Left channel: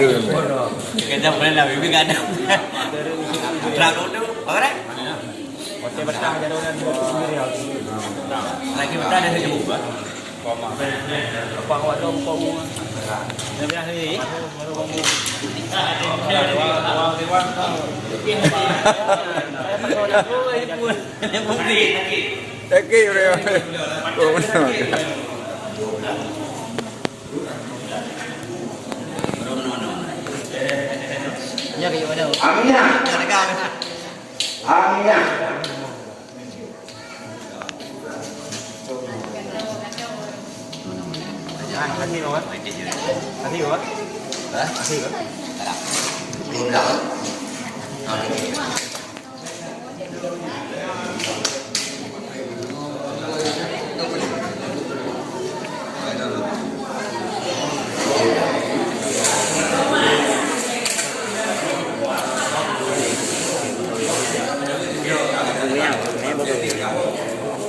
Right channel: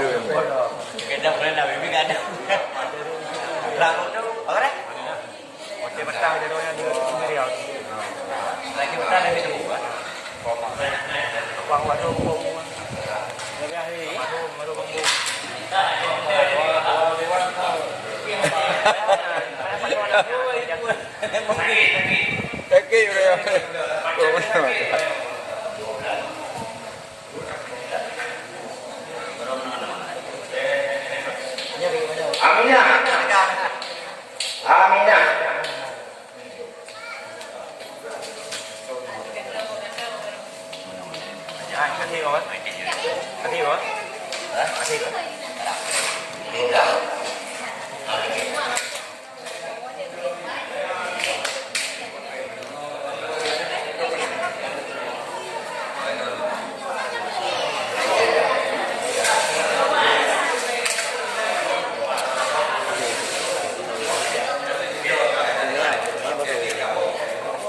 Kadang boleh lah, bibi kadang. Dragon tu, apa dah? Lagi berapa ada lagi? Berapa hari? Kaki udah. Oh benar. Nyari mana? Aminah. Aminah.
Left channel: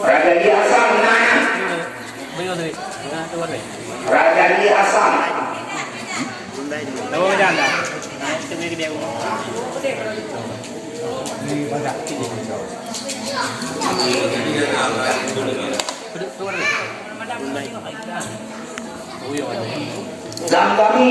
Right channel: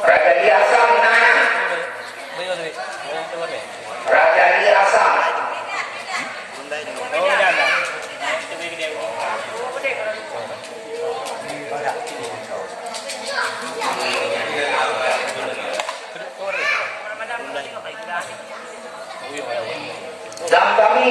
Raja Lia Asam mana? Raja Lia Asam. Oh dah dah. Itu ni dia. Zam kami.